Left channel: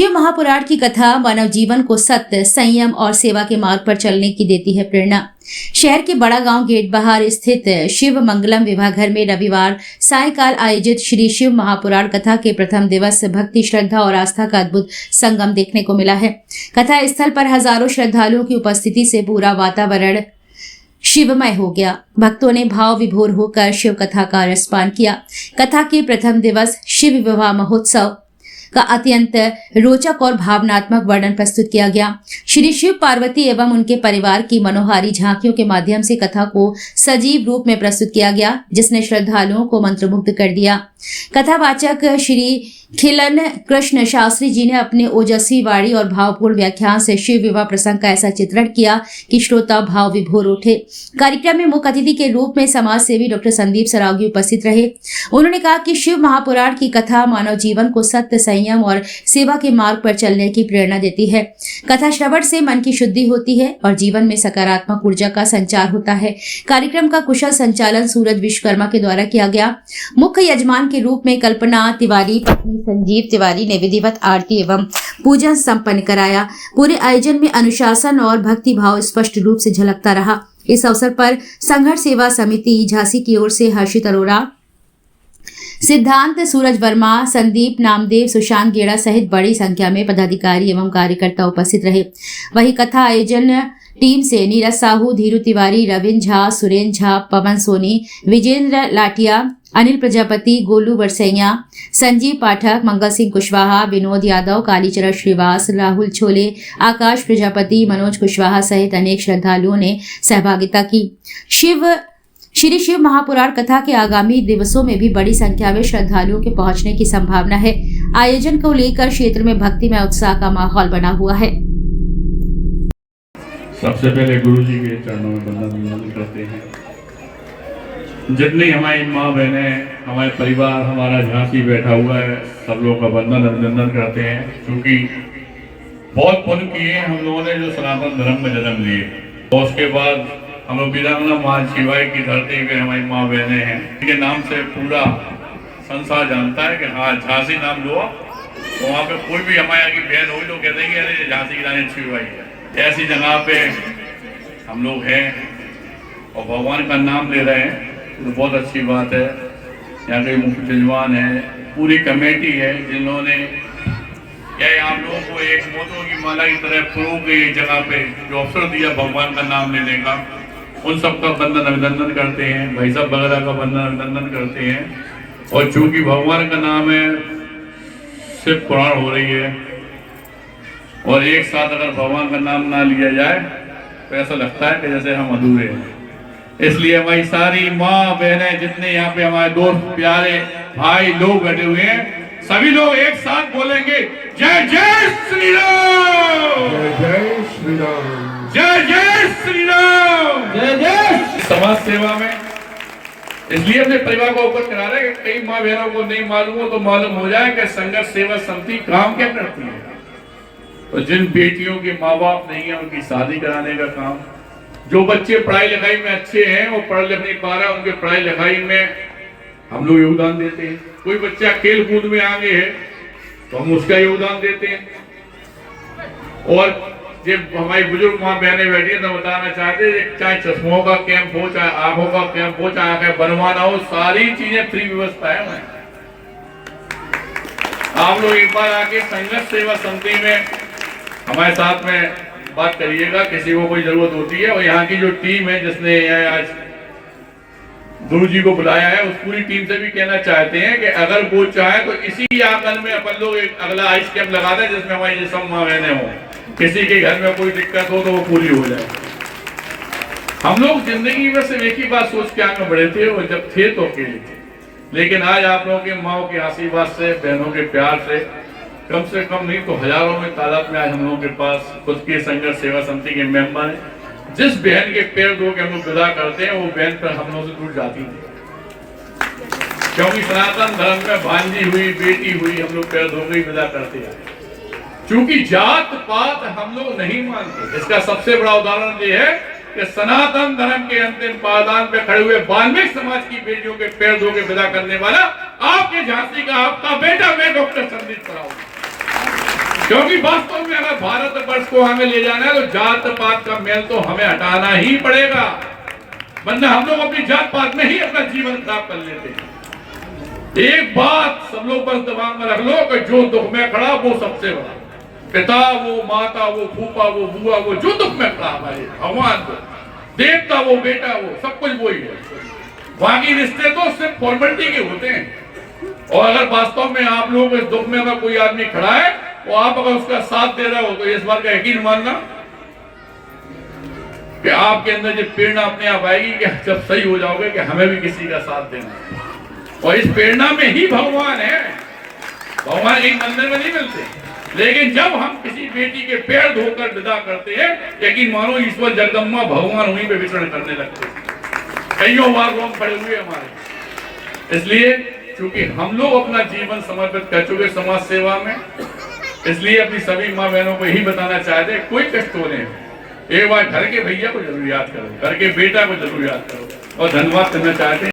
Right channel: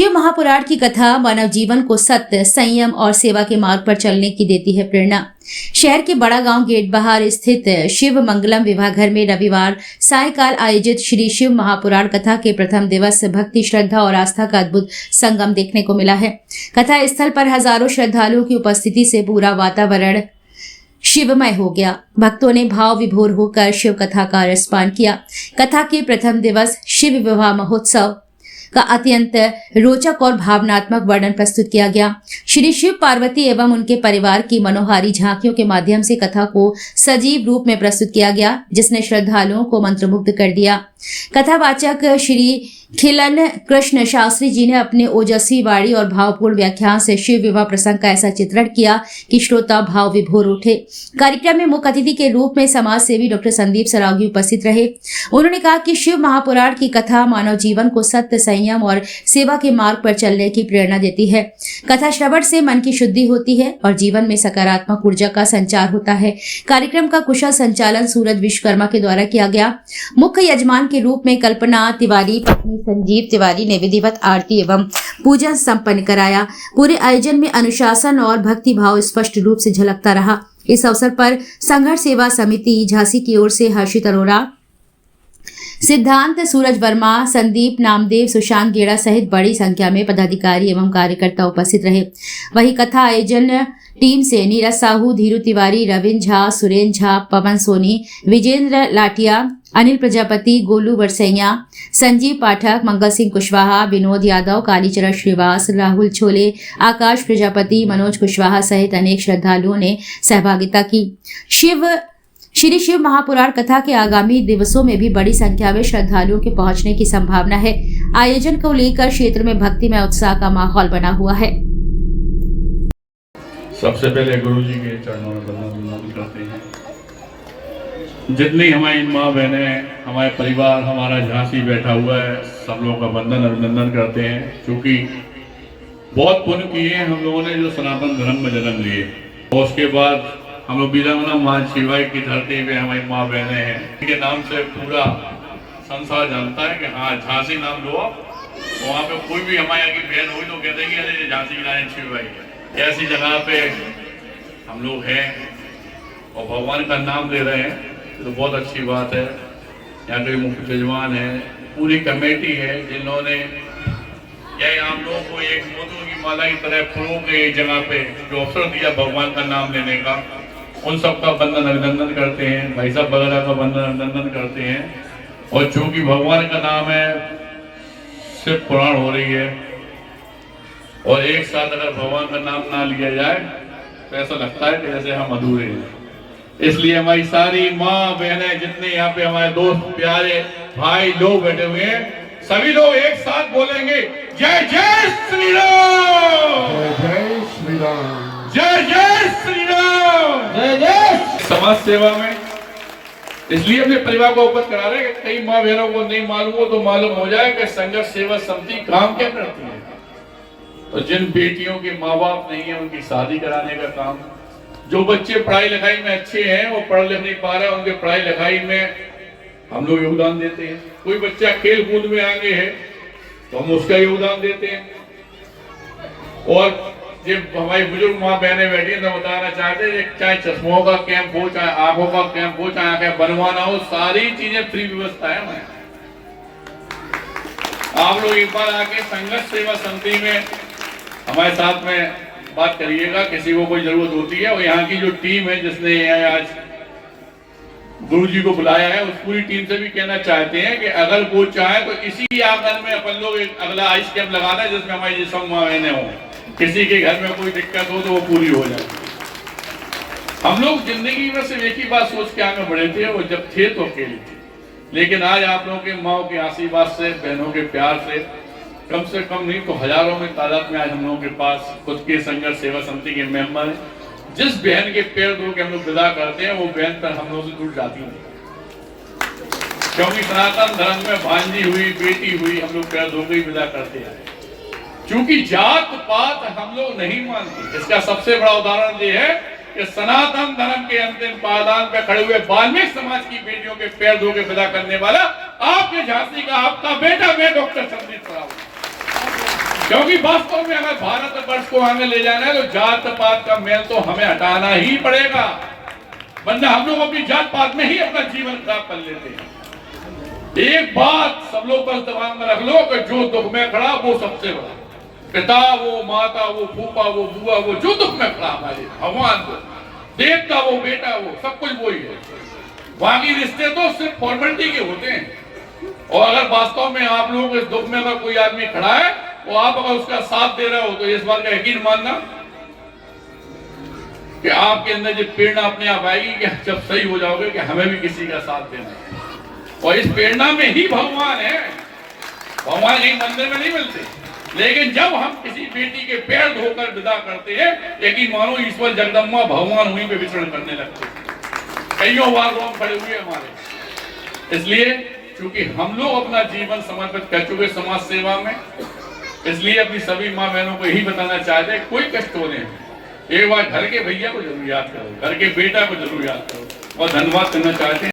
शिव महापुराण की कथा मानव जीवन को सत्य, संयम और सेवा के मार्ग पर चलने की देती है प्रेरणा। शहर के बड़ा गांव गेट बाहर स्थित शिव मंगलम विवाह घर में रविवार सायकाल आयोजित श्री शिव महापुराण कथा के प्रथम दिवस भक्ति, श्रद्धा और आस्था का अद्भुत संगम देखने को मिला है। कथा स्थल पर हजारों श्रद्धालुओं की उपस्थिति से पूरा वातावरण शिवमय हो गया। भक्तों ने भाव विभोर होकर शिव कथा का रसपान किया। कथा के प्रथम दिवस शिव विवाह महोत्सव का अत्यंत रोचक और भावनात्मक वर्णन प्रस्तुत किया गया। श्री शिव पार्वती एवं उनके परिवार की मनोहारी झांकियों के माध्यम से कथा को सजीव रूप में प्रस्तुत किया गया, जिसने श्रद्धालुओं को मंत्रमुग्ध कर दिया। कथावाचक श्री खिलन कृष्ण शास्त्री जी ने अपने ओजस्वी वाणी और भावपूर्ण व्याख्यान से शिव विवाह प्रसंग का ऐसा चित्रण किया कि श्रोता भाव विभोर उठे। कार्यक्रम में मुख्य अतिथि के रूप में समाज सेवी डॉक्टर संदीप सरावगी उपस्थित रहे। उन्होंने कहा कि शिव महापुराण की कथा मानव जीवन को सत्य, संयम और सेवा के मार्ग पर चलने की प्रेरणा देती है। कथा श्रवण से मन की शुद्धि होती है और जीवन में सकारात्मक ऊर्जा का संचार होता है। कार्यक्रम का कुशल संचालन सूरज विश्वकर्मा के द्वारा किया गया। मुख्य यजमान के रूप में कल्पना तिवारी पत्नी संजीव तिवारी ने विधिवत आरती एवं पूजन संपन्न कराया। पूरे आयोजन में अनुशासन और भक्ति भाव स्पष्ट रूप से झलकता रहा। इस अवसर पर संघर्ष सेवा समिति झांसी की ओर से हर्षित अरोड़ा, सिद्धांत सूरज वर्मा, संदीप नामदेव, सुशांत गेड़ा सहित बड़ी संख्या में पदाधिकारी एवं कार्यकर्ता उपस्थित रहे। वहीं कथा आयोजन टीम से नीरज साहू, धीरू तिवारी, रविंद्र झा, सुरेंद्र झा, पवन सोनी, विजेंद्र लाटिया, अनिल प्रजापति, गोलू बरसैया, संजीव पाठक, मंगल सिंह कुशवाहा, विनोद यादव, कालीचरण श्रीवास, राहुल छोले, आकाश प्रजापति, मनोज कुशवाहा सहित अनेक श्रद्धालुओं ने सहभागिता की। श्री शिव महापुराण कथा के आगामी दिवसों में भी बड़ी संख्या में श्रद्धालुओं के पहुंचने की संभावना है। आयोजन को लेकर क्षेत्र में भक्तिमय उत्साह का माहौल बना हुआ है। सबसे पहले गुरु जी के चरणों में वंदन करते हैं। जितनी हमारी माँ बहनें, हमारे परिवार, हमारा झांसी बैठा हुआ है, सब लोगों का वंदन अभिनंदन करते हैं, क्योंकि बहुत पुण्य किए हम लोगों ने जो सनातन धर्म में जन्म लिए। और उसके बाद हम लोग वीरांगना माँ शिवाई की धरती में हमारी माँ बहनें हैं, इनके नाम से पूरा संसार जानता है कि हाँ झांसी नाम लो, वहाँ पे कोई भी हमारे यहाँ की बहन हुई तो कहते हैं कि अरे झांसी की रानी शिवाई है। ऐसी जगह पे हम लोग हैं और भगवान का नाम ले रहे हैं, तो बहुत अच्छी बात है। यहाँ के मुख्य यजमान है, पूरी कमेटी है, जिन्होंने क्या आप लोगों को एक मोतियों की माला की तरह फूलों के एक जगह पे जो अवसर दिया भगवान का नाम लेने का, उन सबका वंदन अभिनंदन करते हैं। भाई साहब वगैरह का वंदन अभिनंदन करते हैं। और चूंकि भगवान का नाम है, शिव पुराण हो रही है, और एक साथ अगर भगवान का नाम ना लिया जाए तो ऐसा लगता है कि जैसे हम अधूरे हैं। इसलिए हमारी सारी माँ बहनें, जितने यहाँ पे हमारे दोस्त प्यारे भाई लोग बैठे हुए हैं, सभी लोग एक साथ बोलेंगे जय जय श्री राम, जय जय श्री राम, जय जय श्री राम, जय जय। समाज सेवा में इसलिए अपने परिवार को उपस्थित करा रहे हैं कि कई माँ बहनों को नहीं मालूम हो तो मालूम हो जाए कि संघर्ष सेवा समिति काम क्या करती है। तो जिन बेटियों के माँ बाप नहीं है, उनकी शादी कराने का काम, जो बच्चे पढ़ाई लिखाई में अच्छे हैं, वो पढ़ लिख नहीं पा रहे, उनके पढ़ाई लिखाई में हम लोग योगदान देते हैं। कोई बच्चा खेल कूद में आगे है तो हम उसका योगदान देते हैं। और जब हमारी बुजुर्ग माँ बहनें बैठी हैं तो बताना चाहते हैं, चाहे चश्मों का कैंप हो, चाहे आंखों का कैंप हो, चाहे आंखें बनवाना हो, सारी चीजें फ्री व्यवस्था है हमारे। आप लोग एक बार आके संघर्ष सेवा समिति में हमारे साथ में बात करिएगा, किसी को कोई जरूरत होती है। और यहाँ की जो टीम है जिसने आज गुरु जी को बुलाया है, उस पूरी टीम से भी कहना चाहते हैं कि अगर वो चाहे तो इसी आंगन में अपन लोग एक अगला आइस कैंप लगा दें, जिसमें हमारी ये सब माँ बहनें हों। किसी के घर में कोई दिक्कत हो तो वो पूरी हो जाए। हम लोग जिंदगी में सिर्फ एक ही बात सोच के आगे बढ़े थे, वो जब थे तो अकेले थे, लेकिन आज आप लोगों के माओ के आशीर्वाद से, बहनों के प्यार से, कम से कम नहीं तो हजारों में तादाद में आज हम लोगों के पास खुद के संघर्ष सेवा समिति के मेंबर हैं। जिस बहन के पैर धो के हम लोग विदा करते हैं, वो बहन पर हम लोगों से दूर जाती नहीं, क्योंकि सनातन धर्म में भांजी हुई, बेटी हुई, हम लोग पैर धो के विदा करते हैं। क्योंकि जात पात हम लोग नहीं मानते। इसका सबसे बड़ा उदाहरण ये है कि सनातन धर्म के अंतिम पायदान पे खड़े हुए वाल्मीकि समाज की बेटियों के पैर धो के विदा करने वाला आपके झांसी का आपका बेटा, मैं डॉक्टर संदीप सरावगी। क्योंकि वास्तव में अगर भारत वर्ष को हमें ले जाना है तो जात पात का मेल तो हमें हटाना ही पड़ेगा, वरना हम लोग अपनी जात पात में ही अपना जीवन खराब कर लेते हैं। एक बात सब लोग बस दिमाग में रख लो कि जो दुख में खड़ा वो सबसे बड़ा, पिता वो, माता वो, फूफा वो, बुआ वो, जो दुख में खड़ा है भगवान को, देवता वो, बेटा वो, सब कुछ वही है। बाकी रिश्ते तो सिर्फ फॉर्मेलिटी के होते हैं। और अगर वास्तव में आप लोग इस दुख में अगर कोई आदमी खड़ा है तो आप अगर उसका साथ दे रहे हो तो इस बात का यकीन मानना कि आपके अंदर जो प्रेरणा अपने आप आएगी कि जब सही हो जाओगे कि हमें भी किसी का साथ देना है। और इस प्रेरणा में ही भगवान है। भगवान एक मंदिर में नहीं मिलते, लेकिन जब हम किसी बेटी के पैर धोकर विदा करते हैं, यकीन मानो ईश्वर जगदम्बा भगवान वहीं पे विचरण करने लगते हैं। कईयों बार रोम खड़े हुए हमारे, इसलिए क्योंकि हम लोग अपना जीवन समर्पित कर चुके समाज सेवा में, इसलिए अपनी सभी माँ बहनों को यही बताना चाहते हैं, कोई कष्ट हो नहीं, एक बार घर के भैया को जरूर याद करो, घर के बेटा को जरूर याद करो और धन्यवाद करना चाहते हैं।